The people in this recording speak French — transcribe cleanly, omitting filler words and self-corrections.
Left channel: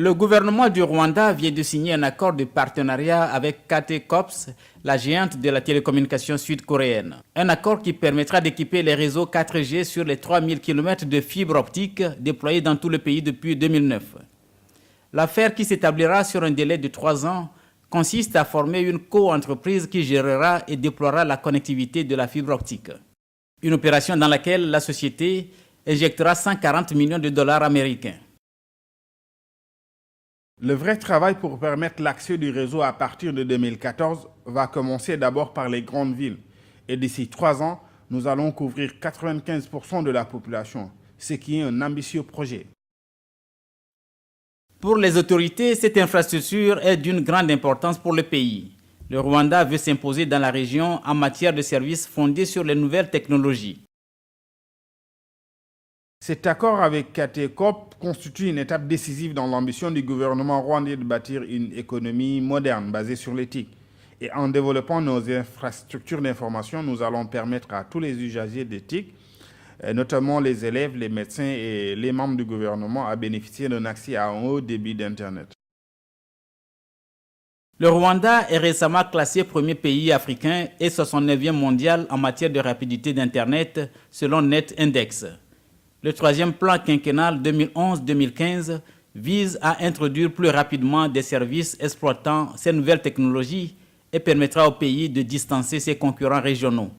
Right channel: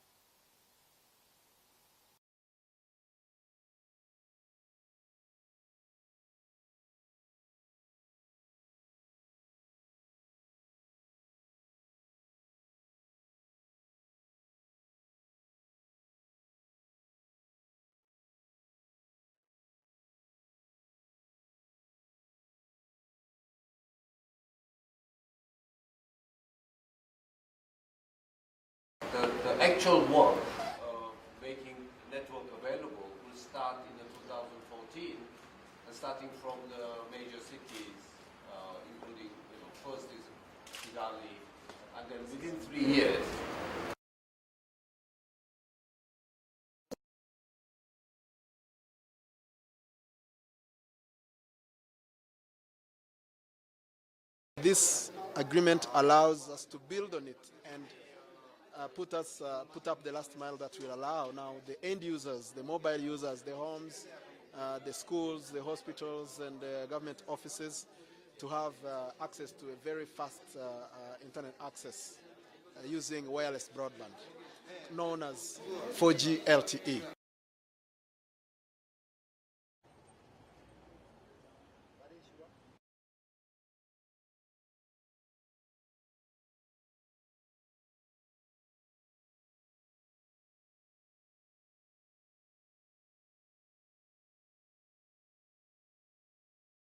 Le gouvernement du Rwanda vient de signer un accord de partenariat avec KT Corps, la géante de la télécommunication sud-coréenne. Un accord qui permettra d'équiper les réseaux 4G sur les 3000 km de fibres optiques déployés dans tout le pays depuis 2009. L'affaire, qui s'établira sur un délai de 3 ans, consiste à former une co-entreprise qui gérera et déploiera la connectivité de la fibre optique. Une opération dans laquelle la société injectera 140 millions de dollars américains. Le vrai travail pour permettre l'accès du réseau à partir de 2014 va commencer d'abord par les grandes villes. Et d'ici 3 ans, nous allons couvrir 95% de la population, ce qui est un ambitieux projet. Pour les autorités, cette infrastructure est d'une grande importance pour le pays. Le Rwanda veut s'imposer dans la région en matière de services fondés sur les nouvelles technologies. Cet accord avec KT Corp constitue une étape décisive dans l'ambition du gouvernement rwandais de bâtir une économie moderne basée sur l'éthique. Et en développant nos infrastructures d'information, nous allons permettre à tous les usagers d'éthique, notamment les élèves, les médecins et les membres du gouvernement, à bénéficier d'un accès à un haut débit d'Internet. Le Rwanda est récemment classé premier pays africain et 69e mondial en matière de rapidité d'Internet selon NetIndex. Le troisième plan quinquennal 2011-2015 vise à introduire plus rapidement des services exploitant ces nouvelles technologies et permettra au pays de distancer ses concurrents régionaux.